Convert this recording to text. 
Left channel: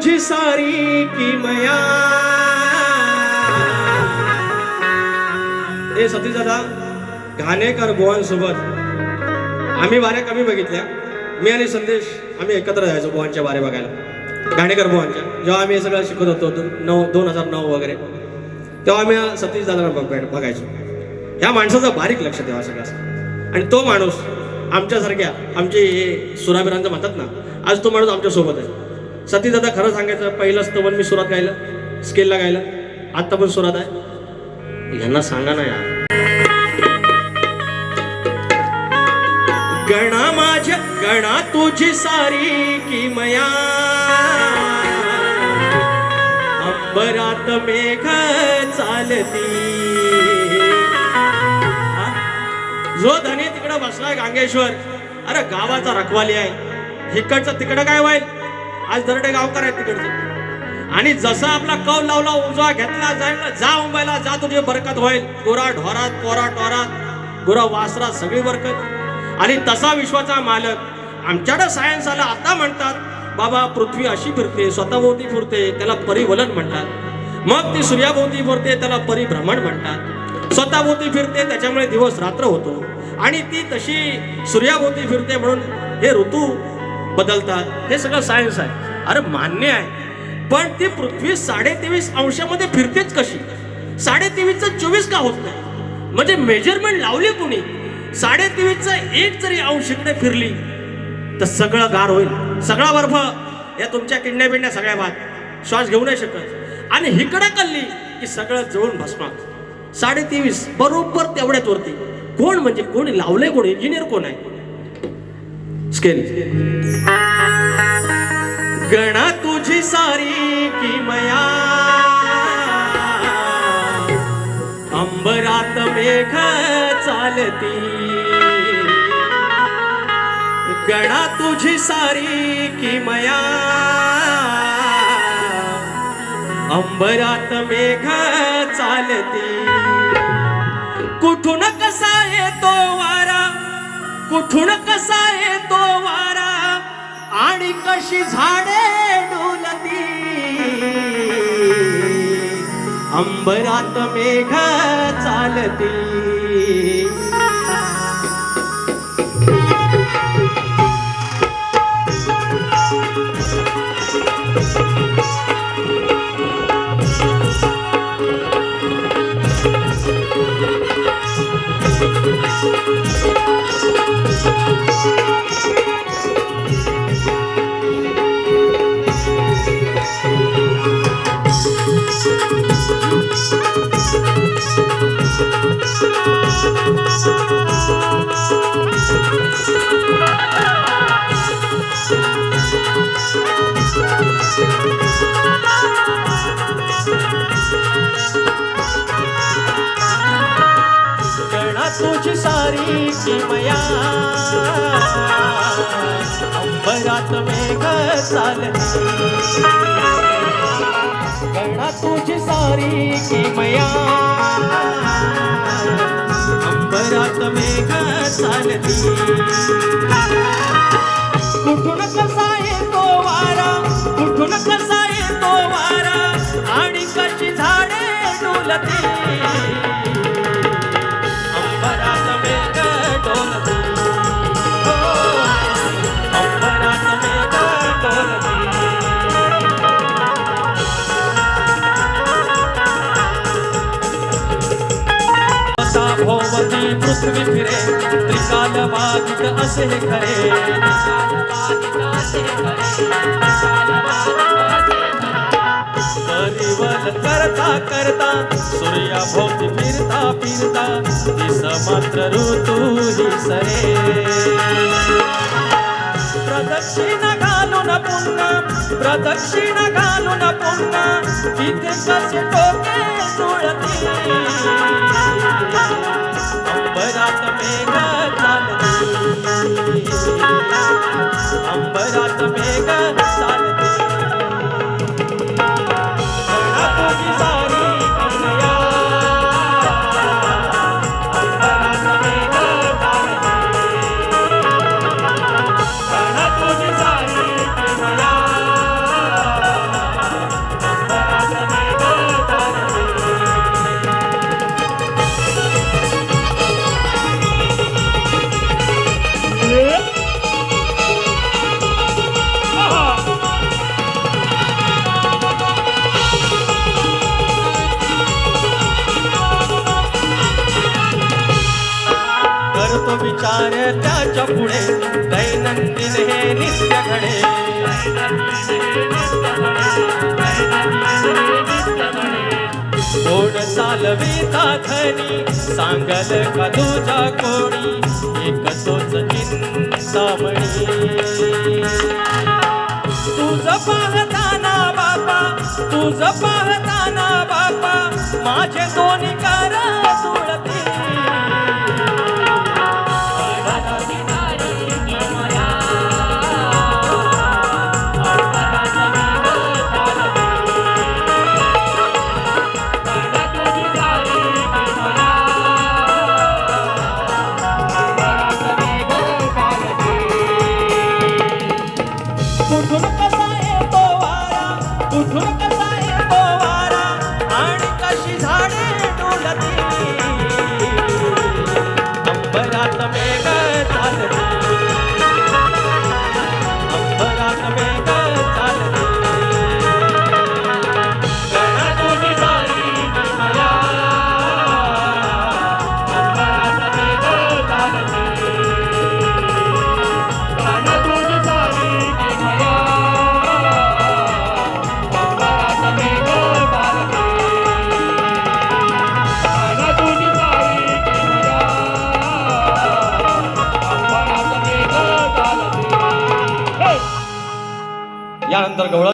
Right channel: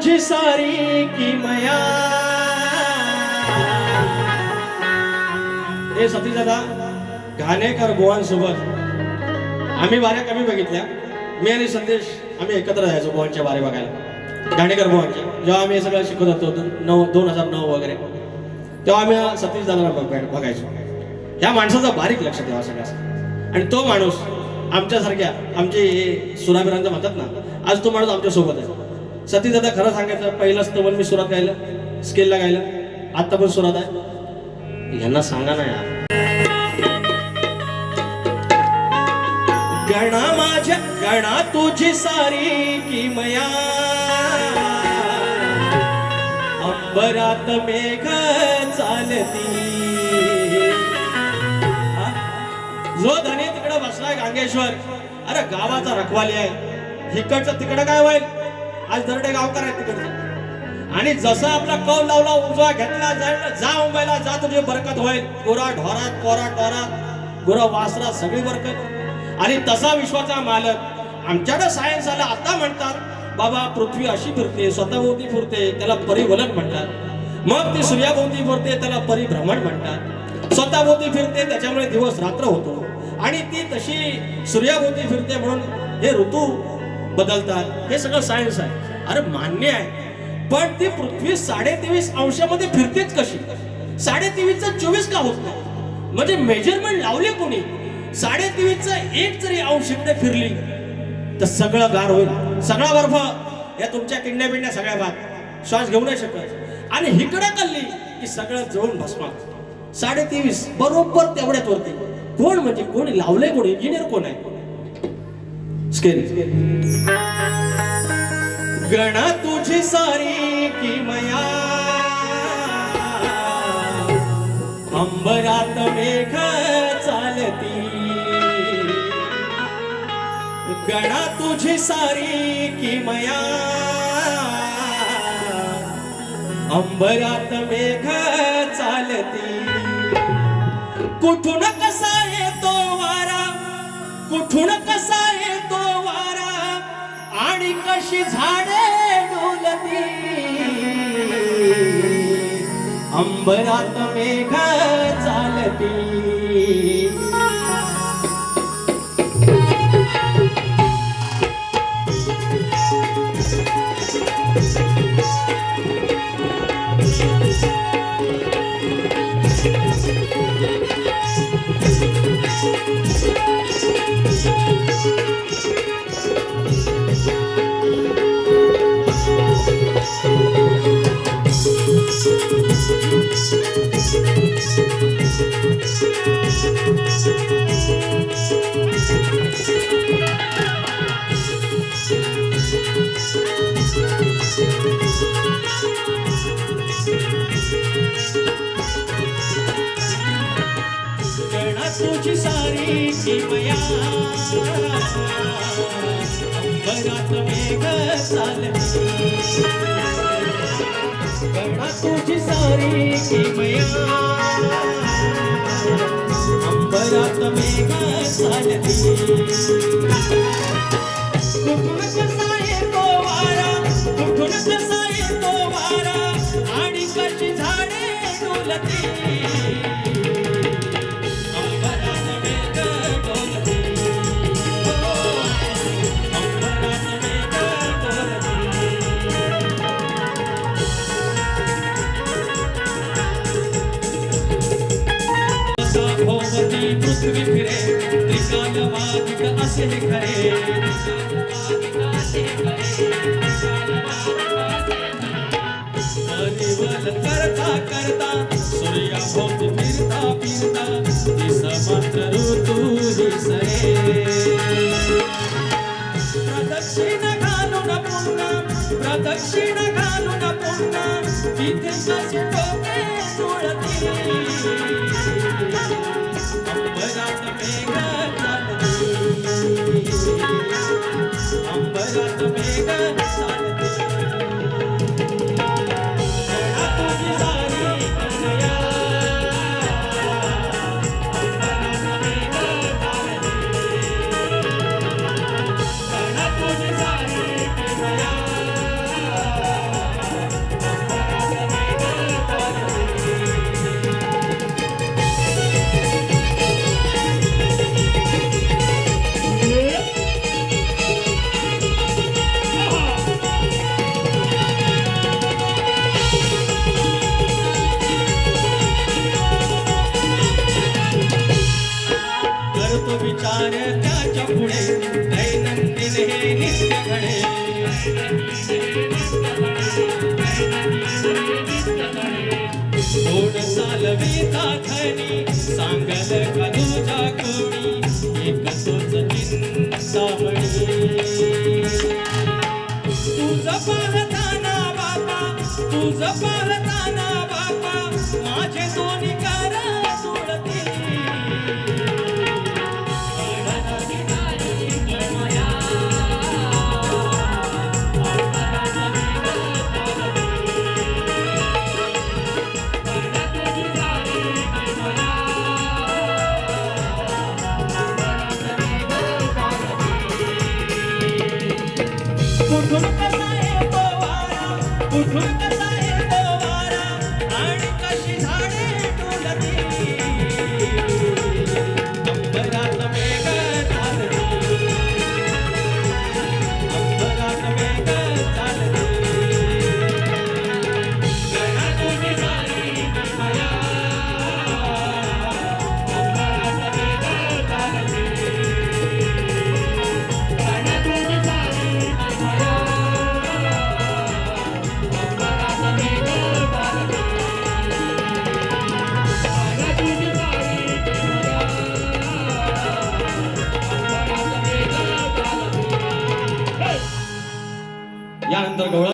तुझी सारी किमया. हे सतीश दादा घाणेकर बुवांसोबत आम्ही वाऱ्या कमी बघितल्या. मी आणि संदेश आम्ही एकत्र जायचो बुवांच्या वारे बघायला, घाणेकर बुवांच्या. जेव्हा आम्ही हे सगळं शिकत होतो 2009 वगैरे, तेव्हा आम्ही सतीश दादांना बघायचो. ह्या माणसाचं बारीक लक्ष ठेवा सगळं. आणि तो माणूस आमच्यासारख्या आमचे सुराबिरांचं म्हणतात ना, आज तो माणूस आमच्या सोबत आहे. सतीश दादा खरं सांगायचं, पहिलं स्तवन मी सुरात गायलं, स्केलला गायलं, आत्ता पण सुरात आहे. यांना सांगा ना यार. गणा माझ्या गणा तुझी सारी किमया, अंबरात मेघ चालती. जो धनी तिकडं बसलाय गांगेश्वर, अरे गावाचा रखवाली आहे. इकडचं तिकडं काय होईल, आज दरडे गावकर आहेत तिकडचं. आणि जसा आपला कौल लावला, उजवा घेतला, जायला जा मुंबईला जा, तुझी बरकत होईल. गोरा ढोरात, पोरा टोरात, गोरा वासरात सगळी बरकत. आणि तसा विश्वाचा मालक आमच्याकडे सायन्स आला. आता म्हणतात बाबा पृथ्वी अशी फिरते, स्वतःभोवती फिरते, त्याला परिवलन म्हणतात. मग ती सूर्याभोवती फिरते, त्याला परिभ्रमण म्हणतात. स्वतःभोवती फिरते त्याच्यामुळे दिवस रात्र होतो. आणि ती तशी सूर्याभोवती फिरते म्हणून हे ऋतू बदलतात. हे सगळं सायन्स आहे. अरे मान्य आहे, पण ती पृथ्वी 23.5 अंशामध्ये फिरतेच कशी? 23.5चं 24 का होत नाही? म्हणजे मेजरमेंट लावले कोणी? 23.5चं 1 जरी अंश इकडे फिरली तर सगळं गार होईल. सगळा बर्फ या तुमच्या किडण्या बिडण्या सगळ्या भात, श्वास घेऊ नाही शकत. आणि हिकडं कल्ली की सगळं जळून भस्मात. 23.5 बरोबर तेवढ्यात वरती. कोण म्हणजे कोणी लावलंय? कोण इंजिनियर कोण आहे? स्केल. गणा तुझी सारी किमया, अंबरात मेघ चालती. गणा तुझी सारी किमया, अंबरात मेघ चालती. कुठून कसा येतो वारा, कुठून कसा येतो वारा, आणि कशी झाडे डोलती. अंबरात मेघ चालती. गणा तुझी सारी किमया, अंबरात मेघ चालती. गणा तुझी सारी किमया, अंबरात मेघ चालती. कुठून कसा येतो वारा, कुठून कसा येतो वारा, आणि कशी झाडे डोलती. भोवती पृथ्वी फिरे, त्रिकाल वागित असे खरे. परिवल करता करता, सूर्याभोवती फिरता फिरता, दिस मात्र ऋतू ही सरे. प्रदक्षिणा घालून पुन्हा, प्रदक्षिणा घालून पुन्हा, इथे कसे डोके जुळती. अंबरात मेघ चालती, अंबरात मेघ चालती. गणा तुझी सारी किमया, अंबरात मेघ चालती. गणा तुझी सारी किमया, होतो विचार त्याच्या पुढे दैनंदिन हे नित्य घडे कोण चालविता धनी सांगल का तुझा कोणी एक तोच चिंतामणी तुझ पाहताना बापा तुझ पाहताना बापा माझे दोन्ही कार जुळते कुठून कसा येतो वारा कुठून कसा येतो वारा आणि कशी झाडे डोलती अंबरात मेघ चालते अंबरात मेघ चालते गणा तुझी झाली माया अंबरात मेघ चालते गणा तुझी झाली यानंतर गवळण